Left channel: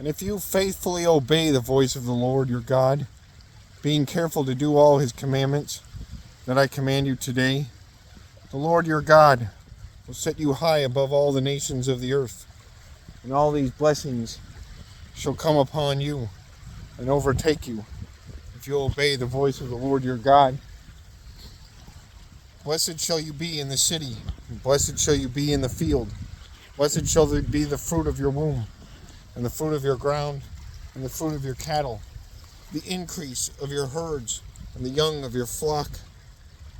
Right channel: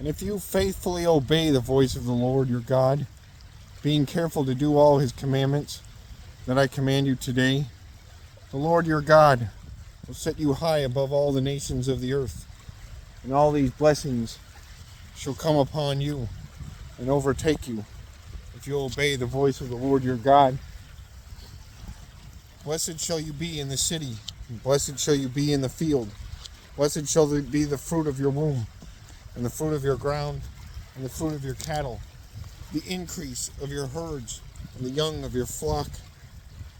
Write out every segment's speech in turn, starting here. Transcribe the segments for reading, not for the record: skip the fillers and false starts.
And if you faithfully obey the voice of the Lord your God, being careful to do all his commandments that I command you today, the Lord your God will set you high above all the nations of the earth, and all these blessings shall come upon you and overtake you if you obey the voice of the Lord your God. Blessed shall you be in the city, and blessed shall you be in the field. Blessed shall be the fruit of your womb, and the fruit of your ground, and the fruit of your cattle, the increase of your herds, and the young of your flock.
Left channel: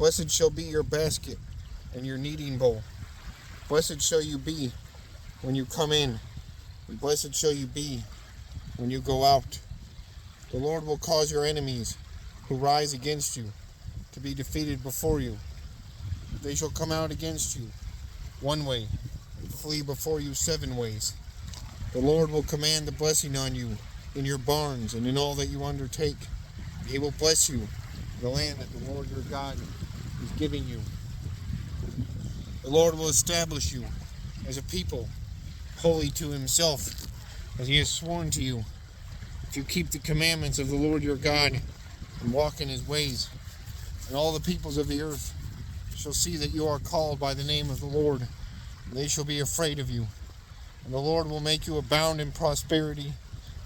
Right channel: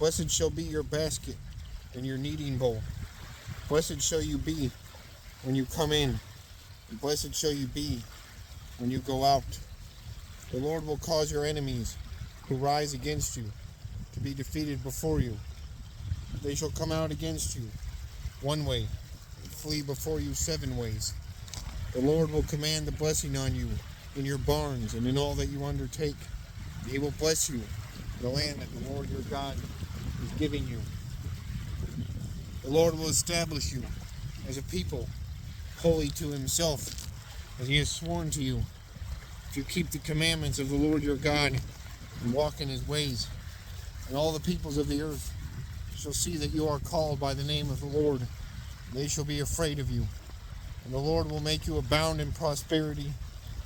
Blessed shall be your basket and your kneading bowl. Blessed shall you be when you come in, and blessed shall you be when you go out. The Lord will cause your enemies who rise against you to be defeated before you. They shall come out against you one way and flee before you 7 ways. The Lord will command the blessing on you in your barns and in all that you undertake. He will bless you in the land that the Lord your God is giving you. The Lord will establish you as a people holy to himself, as he has sworn to you, if you keep the commandments of the Lord your God and walk in his ways. And all the peoples of the earth shall see that you are called by the name of the Lord, and they shall be afraid of you. And the Lord will make you abound in prosperity,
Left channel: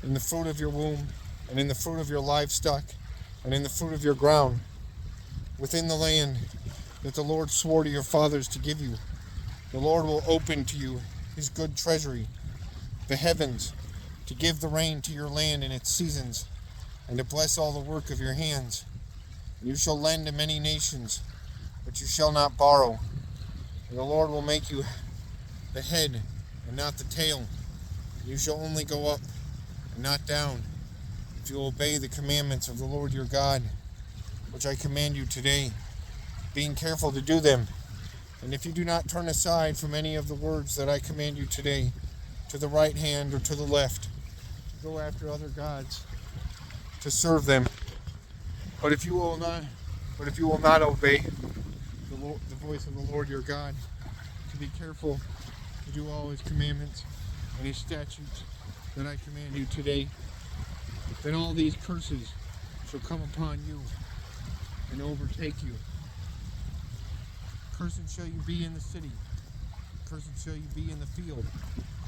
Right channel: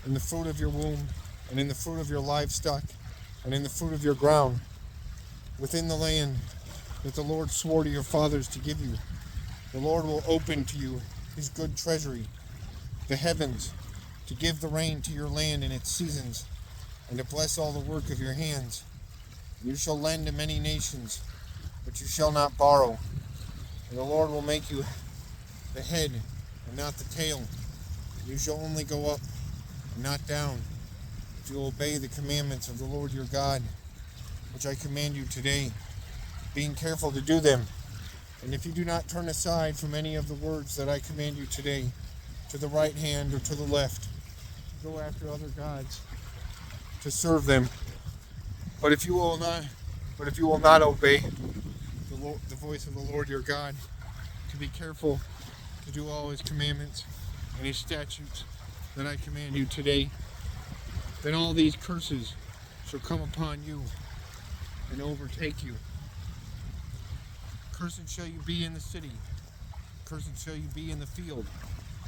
in the fruit of your womb, and in the fruit of your livestock, and in the fruit of your ground, within the land that the Lord swore to your fathers to give you. The Lord will open to you his good treasury, the heavens, to give the rain to your land in its seasons, and to bless all the work of your hands. And you shall lend to many nations, but you shall not borrow. And the Lord will make you the head and not the tail. You shall only go up and not down, if you obey the commandments of the Lord your God, which I command you today, being careful to do them. And if you do not turn aside from any of the words that I command you today, to the right hand or to the left, go after other gods to serve them. But if you will not obey the voice of the Lord your God, to be careful to do all his commandments and his statutes that I command you today, then all these curses shall come upon you and overtake you. Cursed shall you be in the city, cursed shall you be in the field,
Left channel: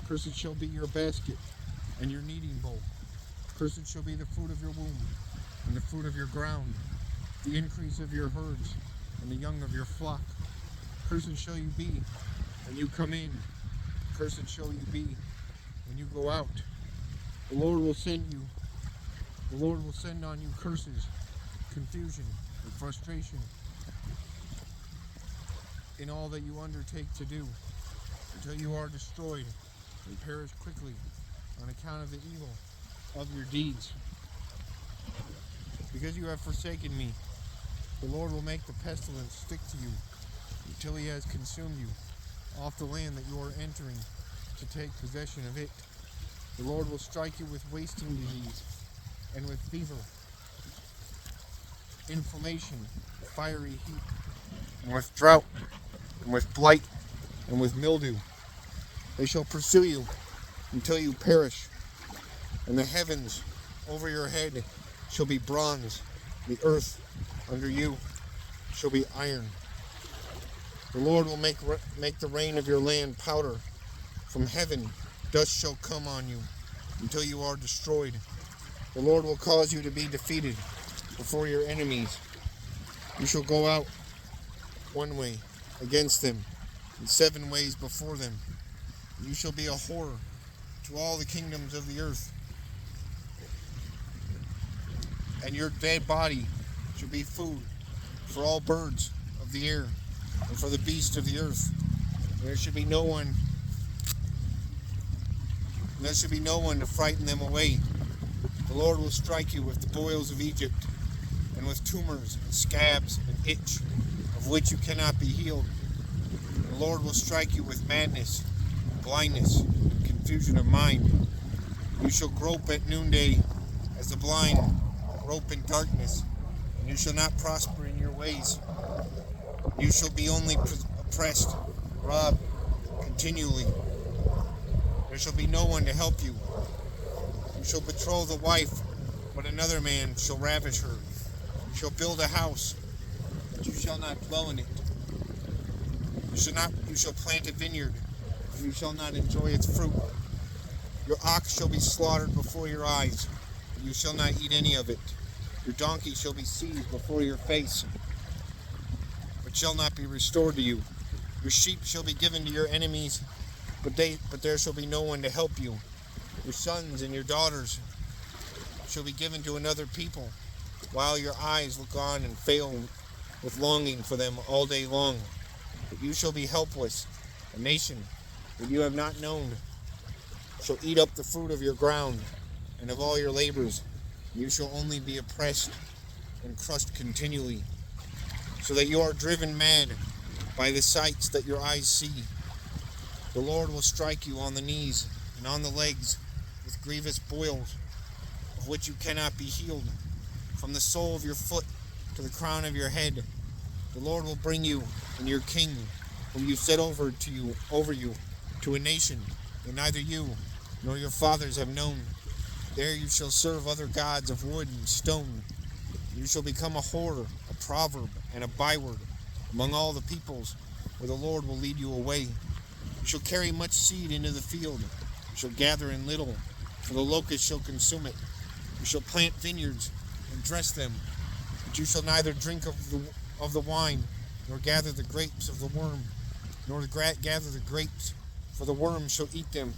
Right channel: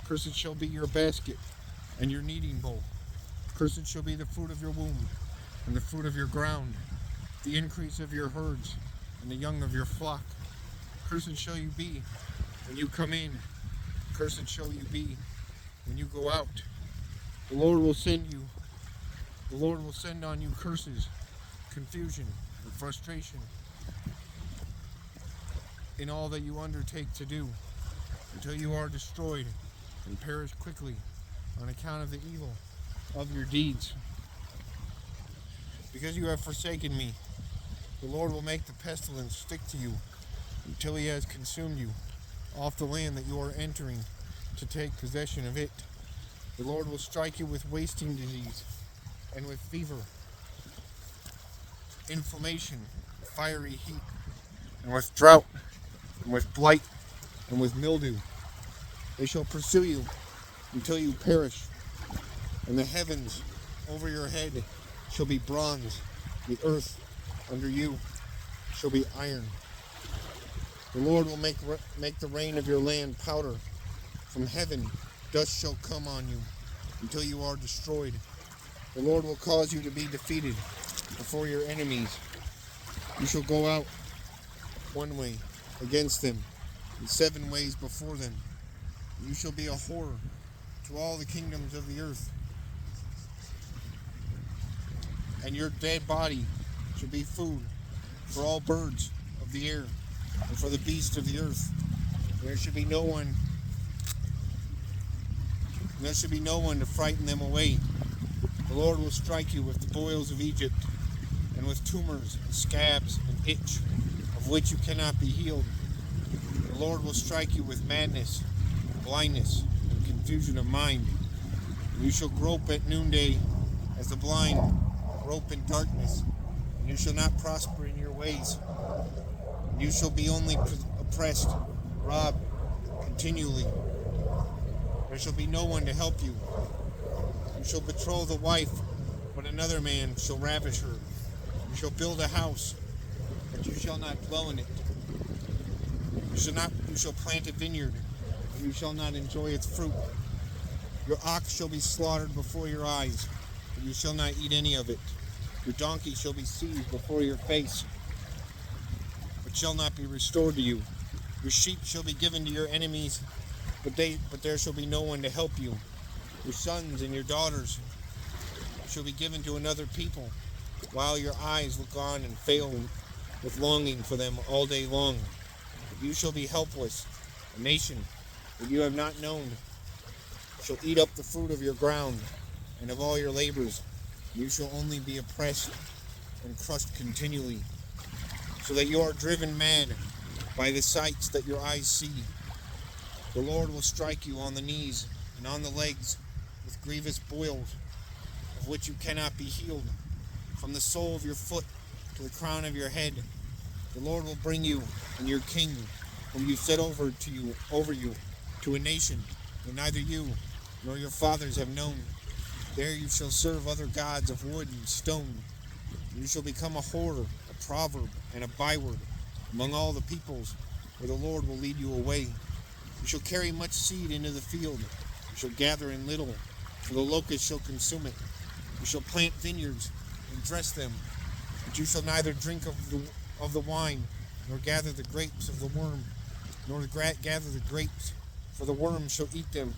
cursed shall be your basket and your kneading bowl. Cursed shall be the fruit of your womb, and the fruit of your ground, the increase of your herds, and the young of your flock. Cursed shall you be when you come in, cursed shall you be when you go out. The Lord will send on you curses, confusion, and frustration in all that you undertake to do, until you are destroyed and perish quickly on account of the evil of your deeds. Because you have forsaken me, the Lord will make the pestilence stick to you until he has consumed you off the land that you are entering to take possession of it. The Lord will strike you with wasting disease and with fever, inflammation, fiery heat, and with drought, and with blight, and with mildew. They shall pursue you until you perish, and the heavens over your head shall be bronze, the earth under you shall be iron. The Lord will make the rain of your land powder. From heaven dust shall come on you until you are destroyed. The Lord will cause you to be defeated before your enemies. You shall go out one way against them, and 7 ways before them. You shall be a horror to all the kingdoms of the earth. And your dead body shall be food for all birds of the air and for the beasts of the earth. There should be no one to frighten them away. The Lord will strike you with the boils of Egypt, and with tumors and scabs and itch, of which you cannot be healed. The Lord will strike you with madness, blindness, and confusion of mind. You shall grope at noonday as the blind grope in darkness, and you shall not prosper in your ways. You shall be only oppressed, robbed continually. There shall be no one to help you. shall betroth a wife, but another man shall ravish her. You shall build a house, but you shall not dwell in it. You shall plant a vineyard, but you shall not enjoy its fruit. Your ox shall be slaughtered before your eyes, but you shall not eat any of it. Your donkey shall be seized before your face, but shall not be restored to you. Your sheep shall be given to your enemies, but there shall be no one to help you. Your sons and your daughters shall be given to another people, while your eyes look on and fail with longing for them all day long. But you shall be helpless. A nation that you have not known shall eat up the fruit of your ground and of all your labors. You shall only be oppressed and crushed continually, so that you are driven mad by the sights that your eyes see. The Lord will strike you on the knees and on the legs with grievous boils, of which you cannot be healed, from the sole of your foot to the crown of your head. The Lord will bring you and your king, whom you set over you, to a nation that neither you nor your fathers have known. There you shall serve other gods of wood and stone. You shall become a horror, a proverb, and a byword among all the peoples, where the Lord will lead you away. You shall carry much seed into the field. You shall gather in little, for the locust shall consume it. You shall plant vineyards and dress them, but you shall neither drink of the wine, nor gather the grapes of the worm, nor gather the grapes, for the worm shall eat them.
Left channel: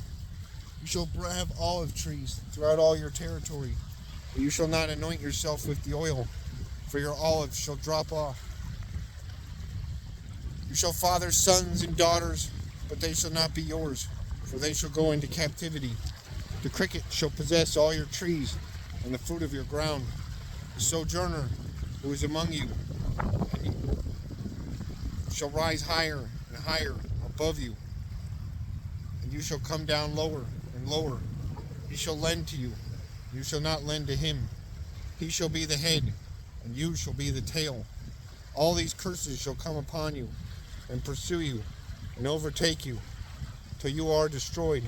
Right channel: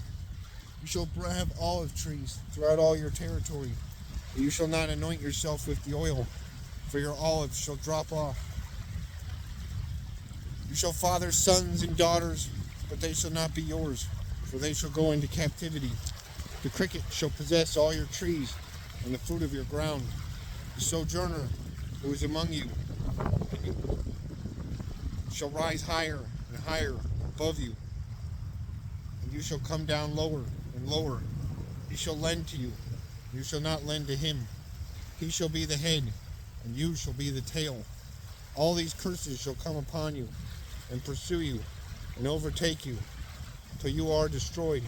You shall have olive trees throughout all your territory, but you shall not anoint yourself with the oil, for your olives shall drop off. You shall father sons and daughters, but they shall not be yours, for they shall go into captivity. The cricket shall possess all your trees and the fruit of your ground. The sojourner who is among you shall rise higher and higher above you, and you shall come down lower and lower. He shall lend to you, and you shall not lend to him. He shall be the head, and you shall be the tail. All these curses shall come upon you, and pursue you, and overtake you, till you are destroyed,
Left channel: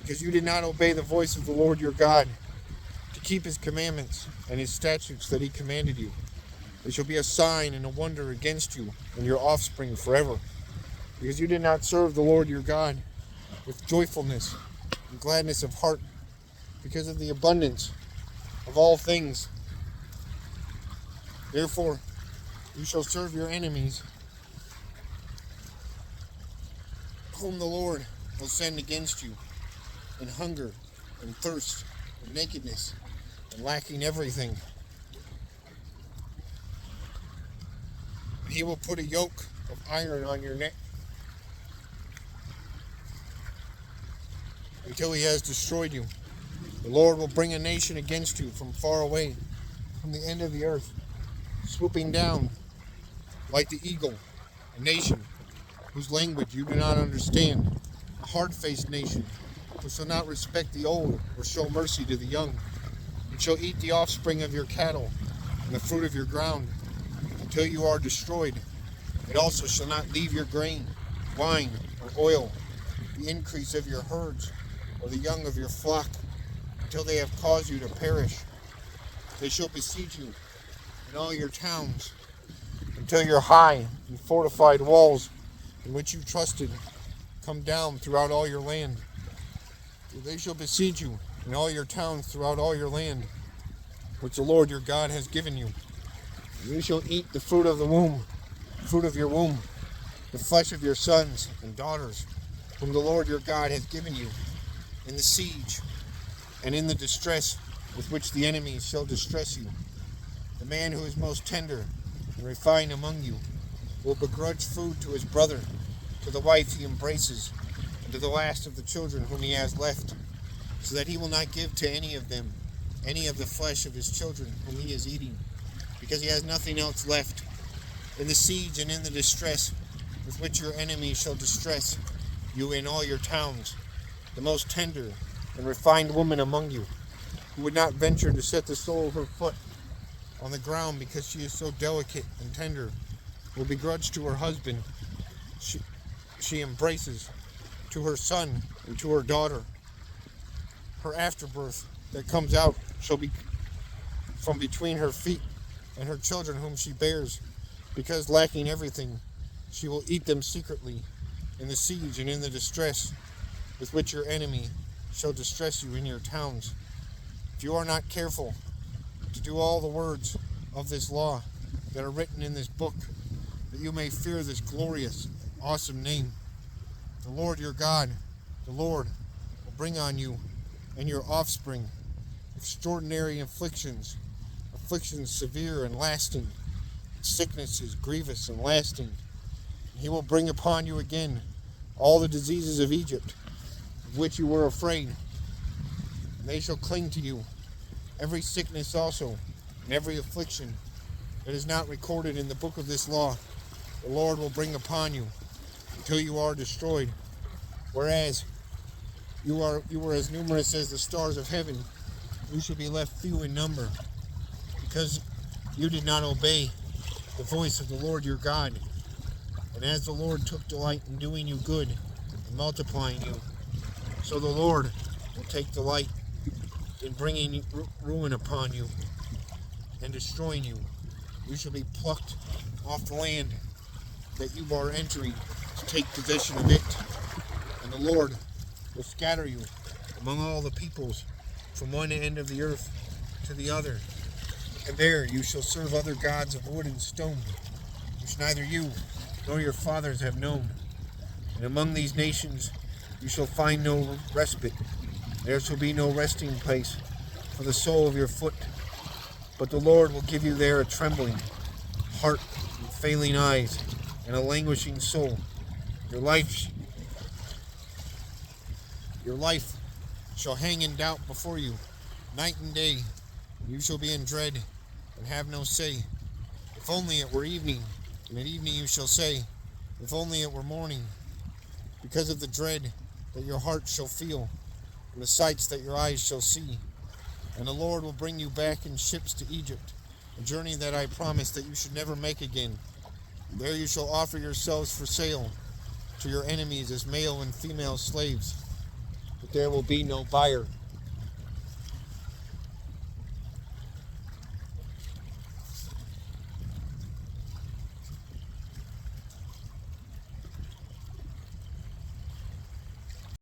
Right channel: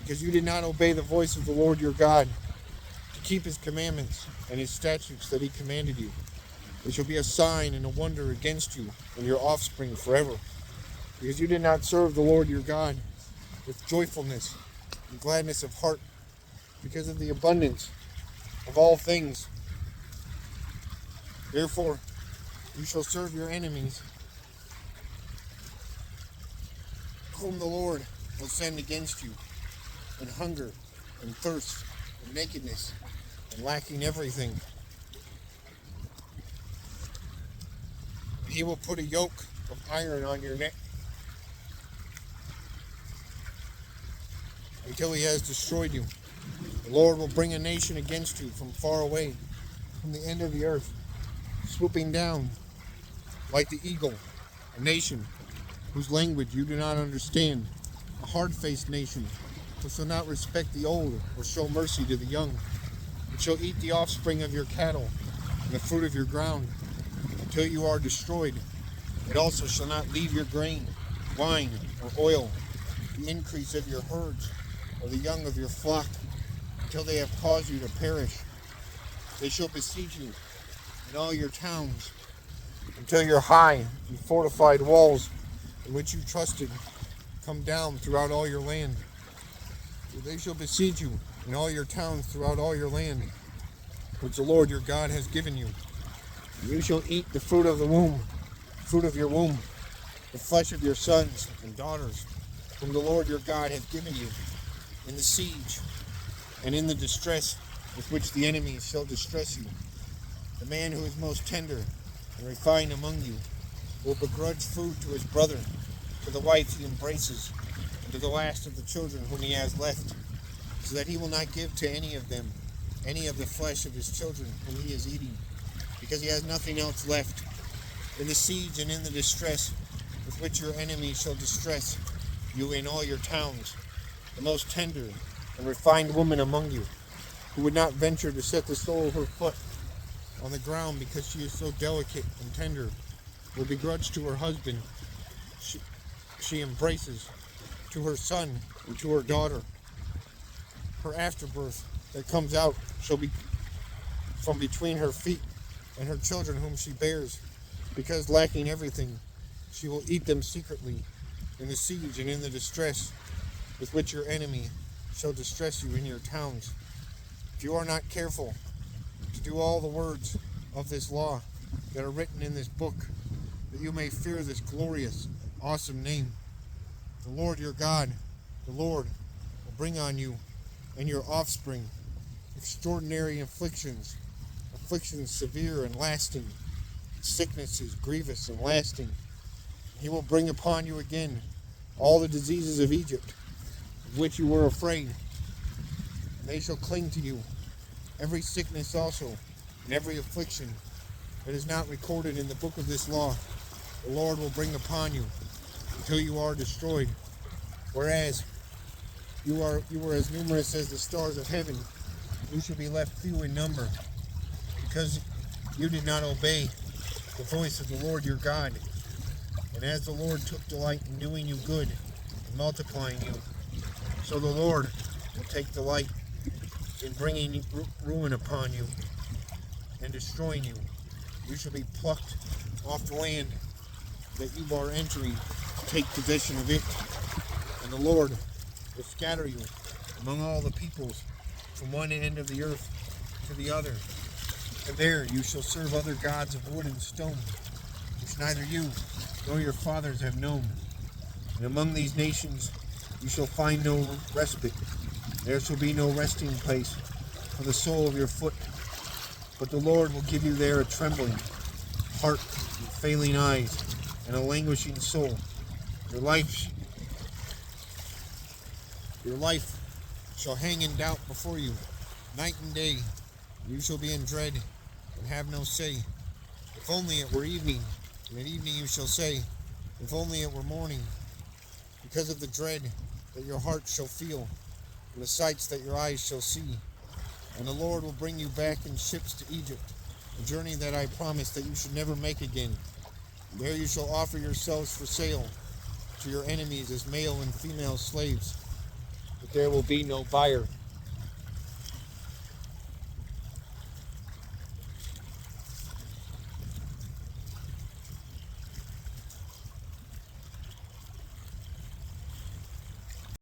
because you did not obey the voice of the Lord your God, to keep his commandments and his statutes that he commanded you. It shall be a sign and a wonder against you and your offspring forever, because you did not serve the Lord your God with joyfulness and gladness of heart, because of the abundance of all things. Therefore, you shall serve your enemies, whom the Lord will send against you, and hunger and thirst and nakedness and lacking everything. He will put a yoke of iron on your neck until he has destroyed you. The Lord will bring a nation against you from far away, from the end of the earth, swooping down like the eagle, a nation whose language you do not understand, a hard-faced nation who shall not respect the old or show mercy to the young. It shall eat the offspring of your cattle and the fruit of your ground until you are destroyed. It also shall not leave your grain, wine, or oil, the increase of your herds, or the young of your flock, until they have caused you to perish. They shall besiege you in all your towns, until your high and fortified walls, in which you trusted, come down throughout all your land. For they shall besiege you in all your towns throughout all your land, which the Lord your God has given you. You shall eat the fruit of the womb, the fruit of your womb, the flesh of your sons and daughters, whom the Lord your God has given you, in the siege and in the distress with which the enemies shall distress you. The man who is most tender and refined among you will begrudge food to his brother, to the wife he embraces, and to the last of the children whom he has left, so that he will not give to any of them any of the flesh of his children whom he is eating, because he has nothing else left. In the siege and in the distress with which your enemies shall distress you in all your towns, the most tender and refined woman among you, who would not venture to set the sole of her foot on the ground because she is so delicate and tender, will begrudge to her husband she embraces, to her son and to her daughter, her afterbirth that comes out shall be from between her feet, and her children whom she bears, because lacking everything, she will eat them secretly in the siege and in the distress with which your enemy shall distress you in your towns. If you are not careful to do all the words of this law that are written in this book, that you may fear this glorious, awesome name, the Lord your God, the Lord, will bring on you and your offspring extraordinary afflictions, afflictions severe and lasting, sicknesses grievous and lasting. He will bring upon you again all the diseases of Egypt, of which you were afraid. They shall cling to you, every sickness also, and every affliction that is not recorded in the book of this law, the Lord will bring upon you until you are destroyed. Whereas you were as numerous as the stars of heaven, you shall be left few in number, because you did not obey the voice of the Lord your God. And as the Lord took delight in doing you good and multiplying you, so the Lord will take delight in bringing ruin upon you and destroying you. You shall be plucked off the land that you are entering to take possession of it, and the Lord will scatter you among all the peoples from one end of the earth to the other. And there you shall serve other gods of wood and stone, which neither you nor your fathers have known. And among these nations you shall find no respite. There shall be no resting place for the sole of your foot. But the Lord will give you there a trembling heart, and failing eyes, and a languishing soul. Your life shall hang in doubt before you, night and day. You shall be in dread and have no say. If only it were evening, and at evening you shall say, if only it were morning, because of the dread that your heart shall feel, and the sights that your eyes shall see. And the Lord will bring you back in ships to Egypt, a journey that I promised that you should never make again. There you shall offer yourselves for sale to your enemies as male and female slaves, but there will be no buyer.